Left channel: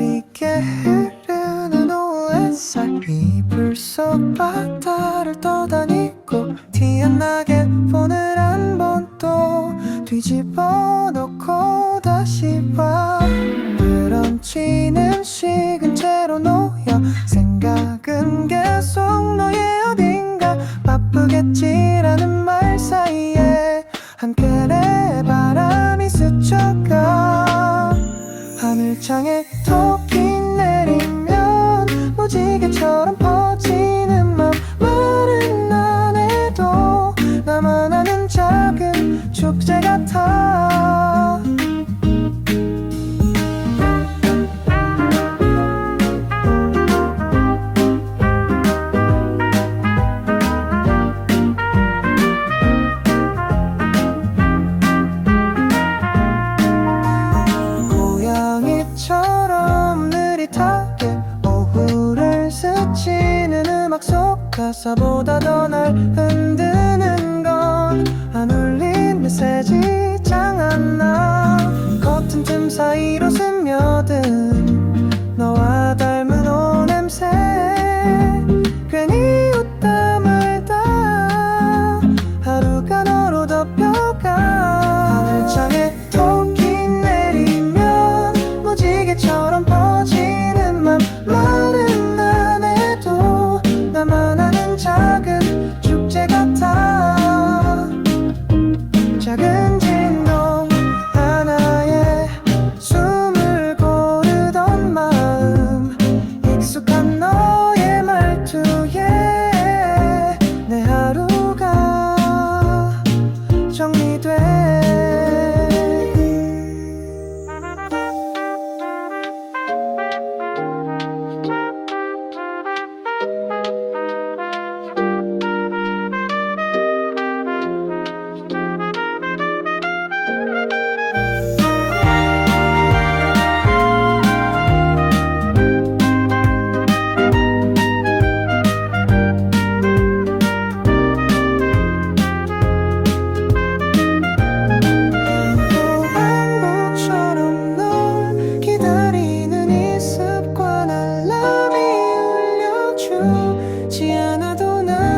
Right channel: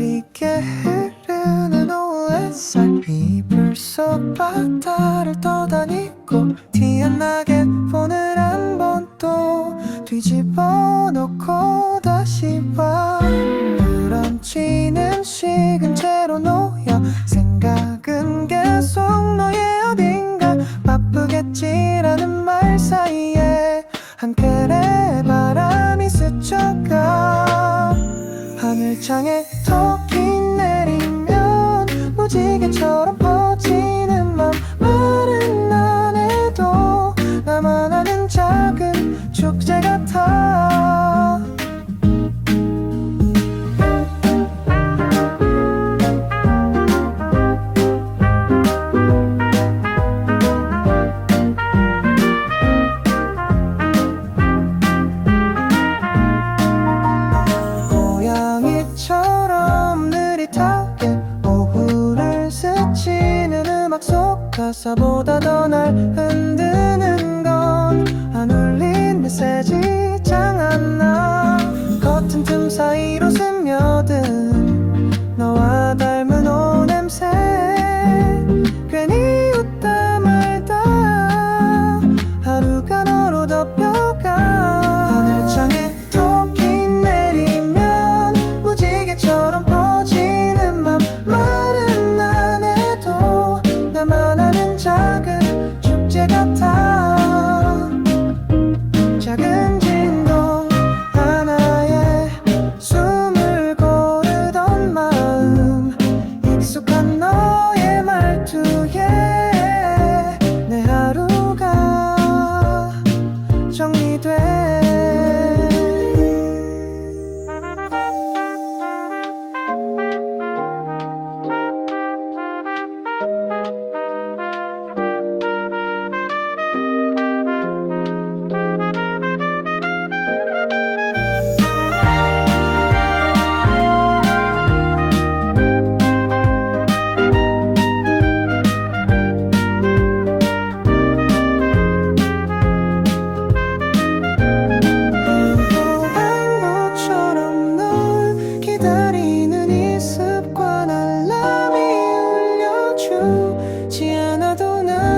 느리게 흐르는 오후의 햇살 이불 속 바다를 떠다니고 티안 나게 폰을 한 번 또 뒤집어 놓고 다시 봐 브런치는 식은 채로 놓여 생각은 계속 너의 어딘가 바쁘겠지라는 말 사이에 한결의 바람이 스쳐가 하늘창에 토끼 내리면 무지개처럼 퍼지는 맘 말은 안 해도 나만 아는 작은 축제 같아 막 속 가사보다 더 날 흔드는 건 안 울린 메시지 장안나. 커튼 틈 사이로 스며든 너와 닮은 옷 냄새. 괜히 웃다 말다 하루가 너로 덮여가. 하늘창에 토끼 내리면 무지개처럼 인생은 작은 축제 같아. 작은 진동 하나에 숨을 고르던 마음 익숙한 너의 말투에 내 하루가 정리 지 않아도 난